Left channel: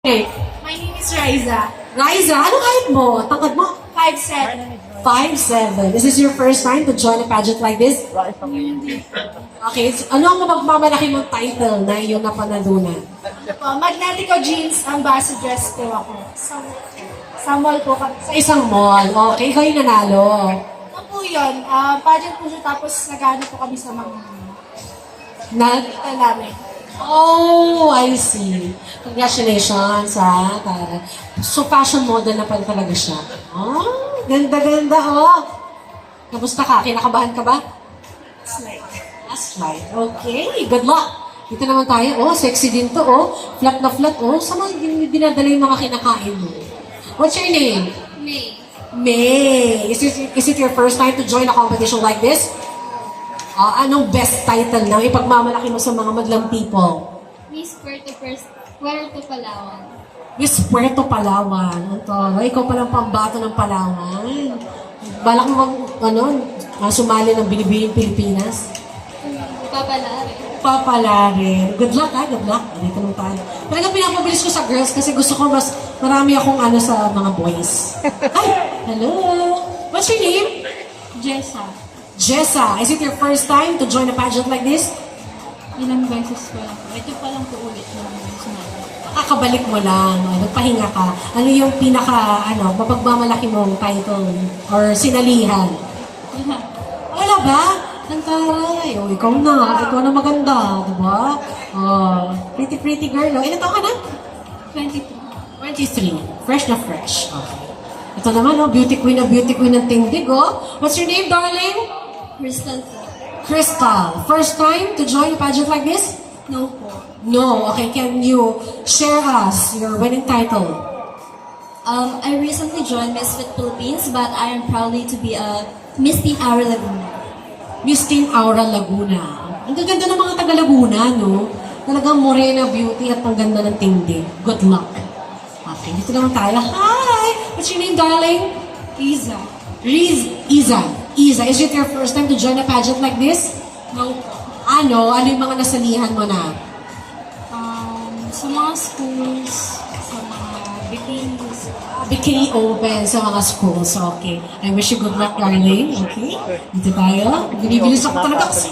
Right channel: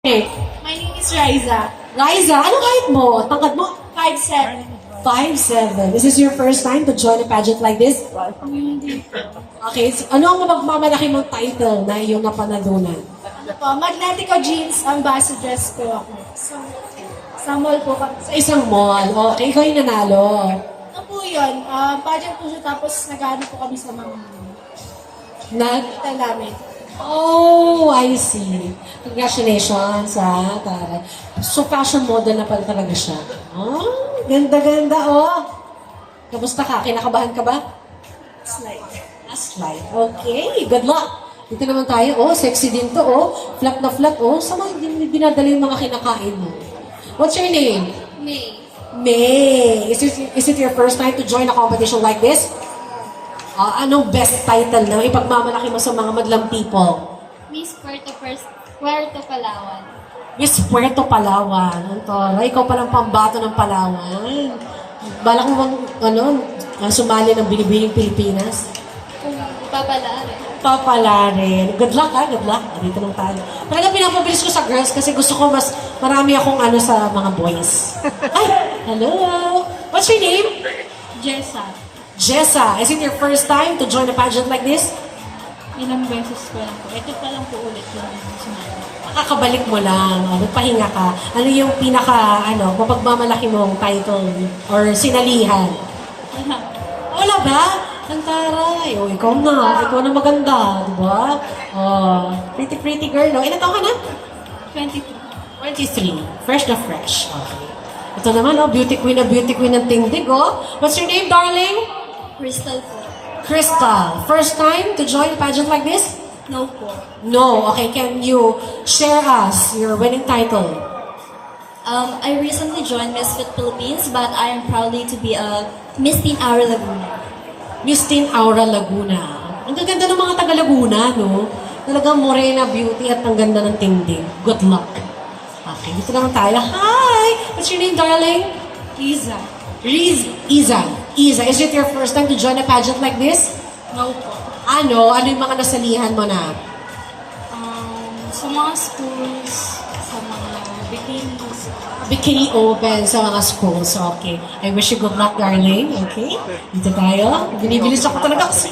Hey, My name is Riza. Riza, anong height mo? Tangkad mo? 5'7". 5'7". Is this your first time to join a pageant like this? Okay, so ano ang mapagmamalaki mong title na iyong napanalunan? Magnetico Jeans ambassadress ko ako. Sa mall po kami. Sa isang mall. Okay, ikaw yung nanalo. Ano po yun? Pageant po siya tapos nag-ano po kami sa mga kita namin. Oh, I see. Congratulations, ha, Tara. So, fashion model na pala talaga siya. Oh, ganda-ganda, oh. Kamusta ka? Kinakabahan ka ba? Slide. Slide. Okay, good luck. Dito naman tayo. Oh, sexy din to, oh. Flat na flat, oh. Saan mo dinadala yung mga kinakain mo? What's your name? May. May. Is it your first time to join a competition like this? Anong best title na ipagmamalaki mo sa mga madlang people? Miss Puerto Palawan. Miss Puerto Palawan. Ito, ikaw palang pambato ng Palawan. Balak mo bang, sumali ng Binibining Pilipinas? Papalarin. Good luck, ha? Good luck. Dito lang tayo. Talagang pinapabilis ko sa girls kasi gusto ko mas marami akong sa mga boys. Ay, hello. What's your name? Jessa, is it your first time to join a pageant like this? Ilang beses ko lang po. Ito pa lang po ulit na sumali. Kakabalik mo lang, nagpahinga ka. Ano yung mapagmamalaki mong title or sinalihan? Wala ba? Ang taray. Ikaw na maganda, di ba? Pretty girl, no? Ilan taon ka na? 23. 23. Fresh na fresh. Okay. Ito naman, beauty queen ng tindig, oh. What's your name, darling? Crystal po. Crystal, first time to join a pageant like this? No po. No. Okay, can you share us your winning title? I recently joined Miss Fit Philippines, but I am proudly to be a Miss Teen Aura Laguna. Miss Teen Aura Laguna. Ang gaganda ng mga taga Laguna, no? Talagang morena beauty at ang ganda ng tindig. Good luck. Okay, dito naman tayo. Hi! What's your name, darling? Iza. Iza, is it your first time to join a pageant like this? No po. Ano yung mga nasalihan mo na? Sa mga schools, sa mga bikinis. Bikini open sa mga schools. Okay. I wish you good luck, darling. Okay? Dito tayo. Binibilis ako talaga kasi.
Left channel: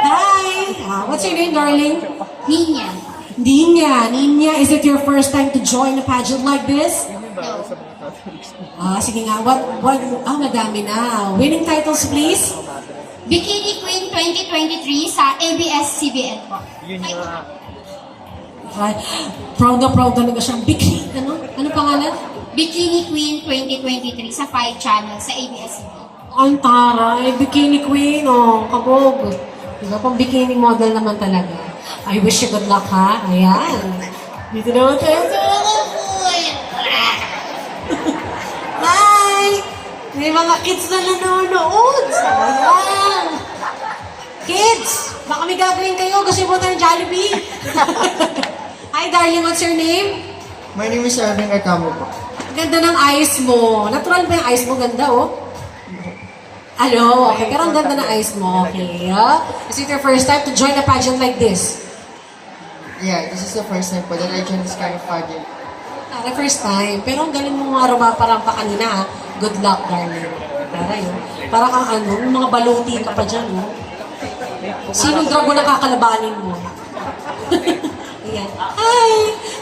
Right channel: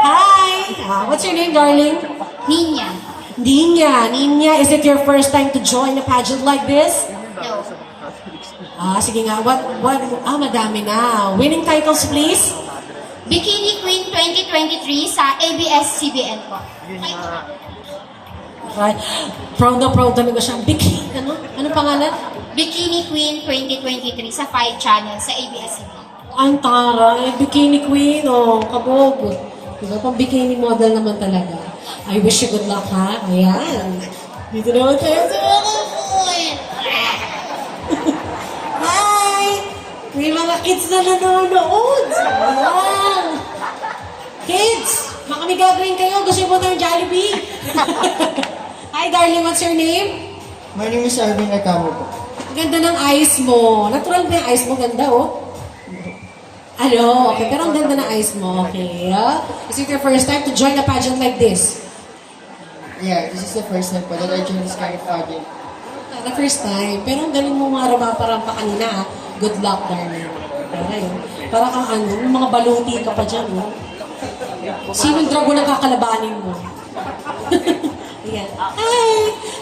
Hi! What's your name, darling? Ninya. Ninya, is it your first time to join a pageant like this? No. Sige nga. Madami na. Winning titles, please? Bikini Queen 2023 sa ABS-CBN po. Right. Proud na proud talaga siya. Bikini, ano pangalan? Bikini Queen 2023 sa 5 channel sa ABS-CBN. Ang taray, bikini queen, kabog. Diba, pang bikini model naman talaga. I wish you good luck, ha? Ayan. Dito naman tayo sa mga boy. Hi! May mga kids na nanonood. Ayan. Kids, baka may gagawin kayo. Gusto mo ng Jollibee? Hi, darling. What's your name? My name is Irving Arcamo po. Ganda ng eyes mo. Natural ba yung eyes mo? Ganda, oh. Okay. Pero ang ganda ng eyes mo. Okay, Is it your first time to join a pageant like this? Yeah, this is the first time po that I joined this kind of pageant. The first time. Pero ang galing mo mga rumaparampa kanina, ha? Good luck, darling. Para kang yung mga baluti ka pa dyan, oh. Sinong dragon ang kakalabanin mo? Ayan. Hi!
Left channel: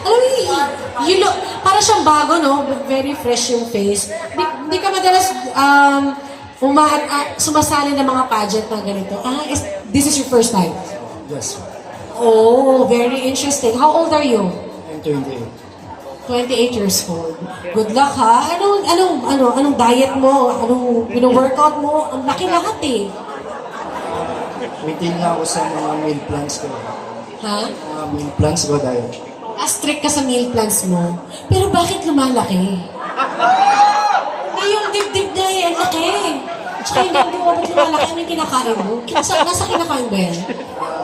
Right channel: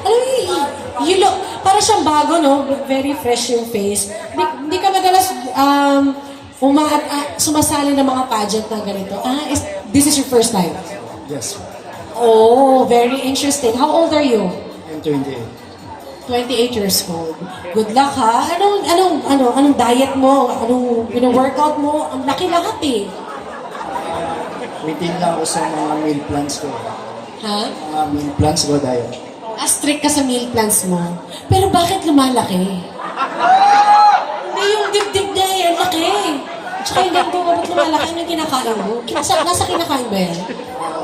Alam mo, you look, para siyang bago, no? Very fresh yung face. Hindi ka madalas sumasali ng mga pageant na ganito. This is your first time? Yes. Oh, very interesting. How old are you? I'm 28. 28 years old. Good luck, ha? Anong diet mo? Anong workout mo? Ang laki lahat, eh. Maintain lang ako sa mga meal plans ko. Ha? Mga meal plans ko dahil. Strict ka sa meal plans mo. Pero bakit lumalaki? Yung dibdib na yan, ang laki. Tsaka yung bakit lumalaki, ano yung kinakain mo? Nasa kinakain ba yan?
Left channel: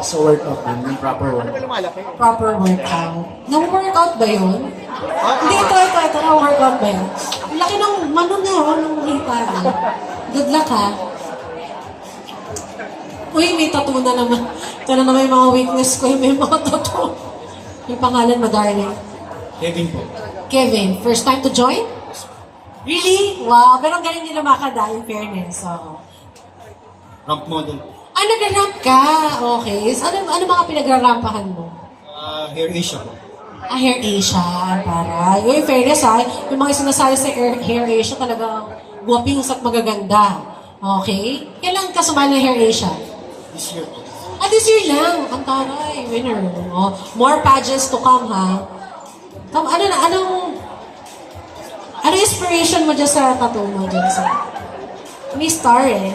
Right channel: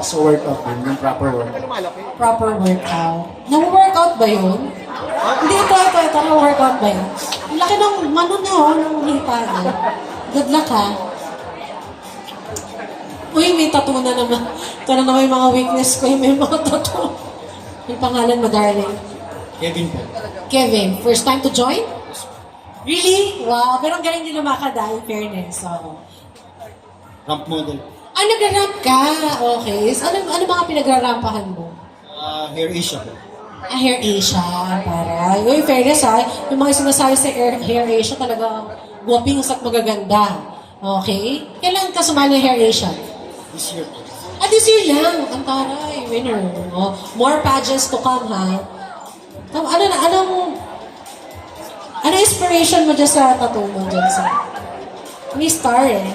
So workout din, yung proper workout. Proper workout. Na-workout ba yun? Hindi, ito. Na-workout ba yun? Ang laki ng ng liparan. Good luck, ha? Uy, may tattoo na naman. Ito na naman yung mga weakness ko, yung may mga tattoo. Yung pangalan mo, darling? Kevin po. Kevin, first time to join? Really? Wow, pero ang galing nila makada, in fairness. Oo. Ramp model. Ah, nag-ramp ka. Okay. So, ano mga pinagrarampahan mo? Hair Asia po. Ah, Hair Asia. Para. Yung fairness ha, yung mga sumasali sa Hair Asia talaga guwaping at magaganda. Okay? Kailan ka sumali ng Hair Asia? This year po. Ah, this year lang. Ang taray. Winner. Oh, more pageants to come, ha? Ano inspiration mo dyan sa tattoo mo dyan sa... May star eh.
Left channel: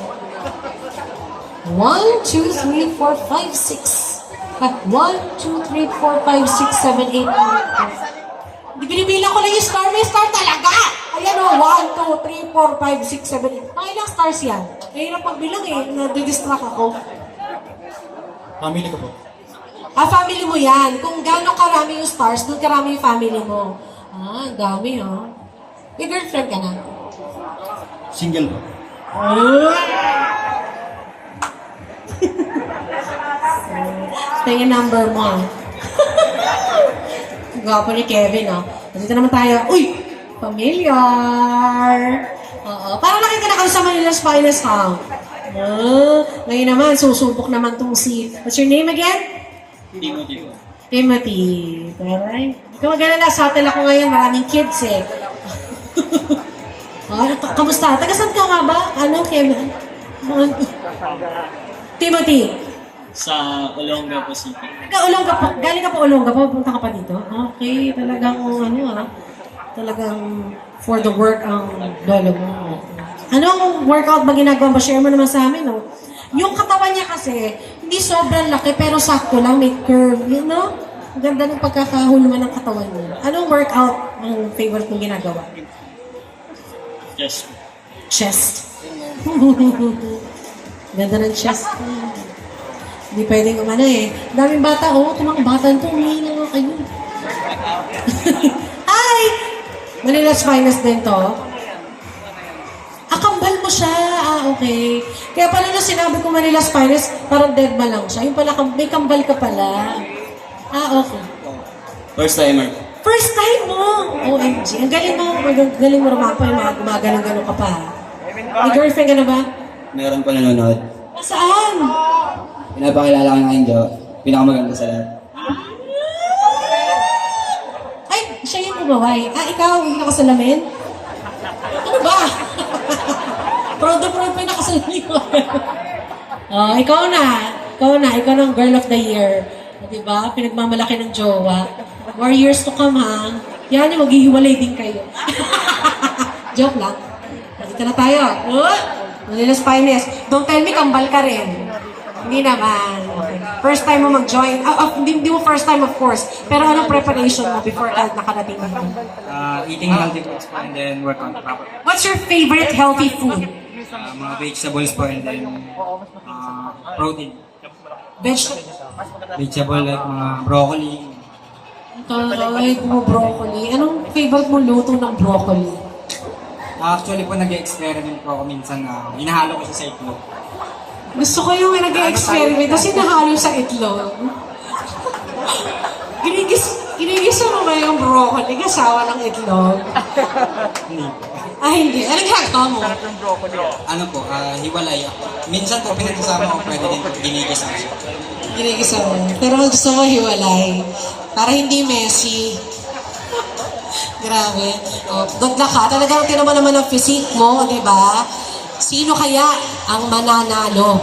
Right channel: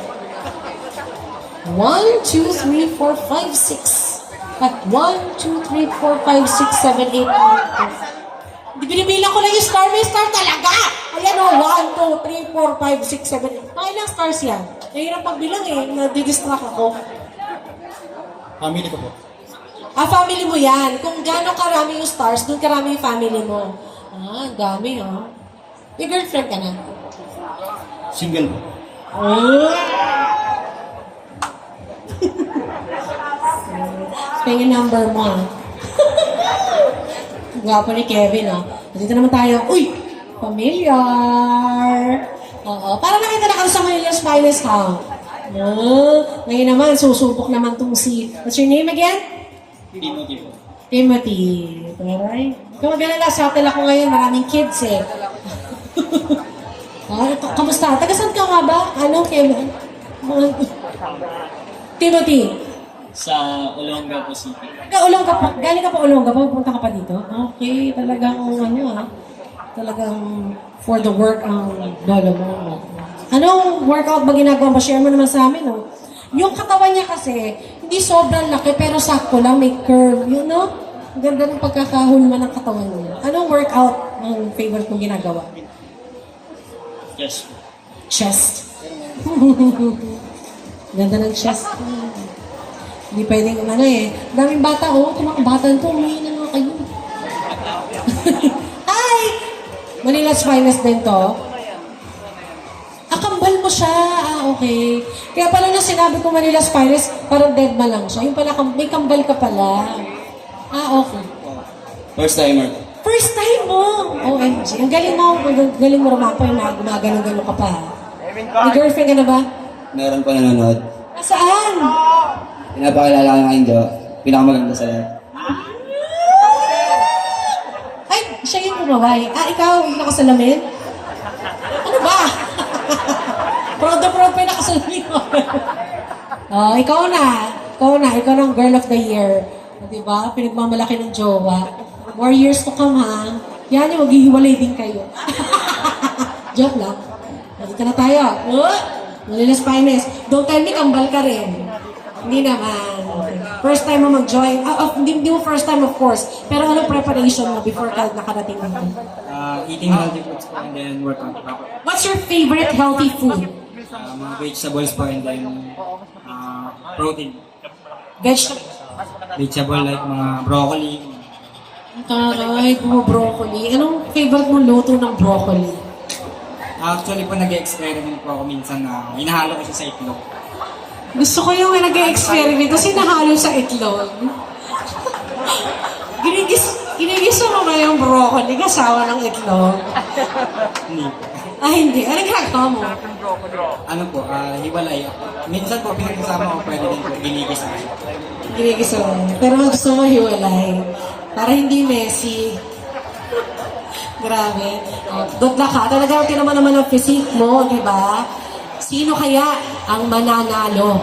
1, 2, 3, 4, 5, 6. 1, 2, 3, 4, 5, 6, 7, 8, 9, 10. Di binibilang ko lang yung star. May star talaga! Ayan o, 1, 2, 3, 4, 5, 6, 7, 8. Mga ilang stars yan? Ngayon ang pagbilang eh. Nadidistract ako. Family ko po. Ah, family mo yan. Kung gaano karami yung stars, doon karami yung family mo. Ah, ang dami ha. May girlfriend ka na? Single po. Oh! Kaya yung number mo ha. Gwapo ni Kevin ha. Dito naman tayo. Uy! Familiar! Oo. Para nakita na kami sa Manila's Finest Hang. Oh, ngayon naman, susubok naman tong si... What's your name again? Timothy po. Timothy. Alright. Ikaw mag-alala, subtle ako ngayon. Maraming kids eh. Kamusta? Taga-saan ka nga ba? Ano, Kevin? Timothy. Sa Olonga po City. Olonga pa. Galing ka pa Olonga pa. Pupunta ka pa dito? Okay. Talagang talagang for the work ang lolo mo. Anong workout ba ginagawa mo? Share mo naman sa amin, no? Yung katawan niya kasi, hindi sobrang laki, pero sakto lang, may curve, you know? Ang ganda ng pagkakahulma ng katawan niya. Anong workout ang favorite mong ginagawa? Yes. Chest. Ganda ng chest. Hindi pwedeng daming bata, itong mga bata nito, umihi na nga kayo. Hi! Manila's Finest din to. Kambal mo siya. Okay. Kaya pala nung sinabi ko Manila's Finest, parang dead ma lang siya. Yung pala, may kambal ka pala. Okay. First timer. First time mo! OMG. Ang galing mo rumapa yung mga gumagano-gano ka pa. May girlfriend ka na ba? Meron pa nanonood. Saan? Pinapakilala ko ng aking Jo. Pinakamaganda sa lahat. Ay, siya yung umaway. Ikaw, yung nakasalamin? Ano ba? Proud na pa yung nakasalamin mo. Ikaw na. Ikaw ng girl of the year. Diba? Pinagmamalaki ng jowa. More years to come, ha? Yan yung maghihiwalay din kayo. Joke lang. Dito na tayo. Manila's Finest. Don't tell me kambal ka rin. Hindi naman. Okay. First time mo mag-join. Hindi mo first time, of course. Pero anong preparation mo before ka nakarating dito? Eating healthy foods po and then workout proper. What's your favorite healthy food? Mga vegetables po and then protein. Vegetable. Vegetable like mga broccoli. Taray, broccoli. Anong favorite mo luto ng broccoli? Actually po nag-experiment po ako minsan na hinahalo ko siya sa itlog. Gusto ko yung nag-experiment kasi nahalo sa itlog. Ginigisa mo na yung broccoli kasawa ng itlog. Hindi po. Hindi. Anong ginagawa mo? Ano po, hiwalay. Minsan po pinagsasama ko pwede din po ginigisa ko siya. Ginigisa mo. Pero gusto mo hiwalay. Para hindi messy. Grabe. Good luck ha. Talagang tinaman naman ang physique mo, di ba? Sino kaya ang mananalo?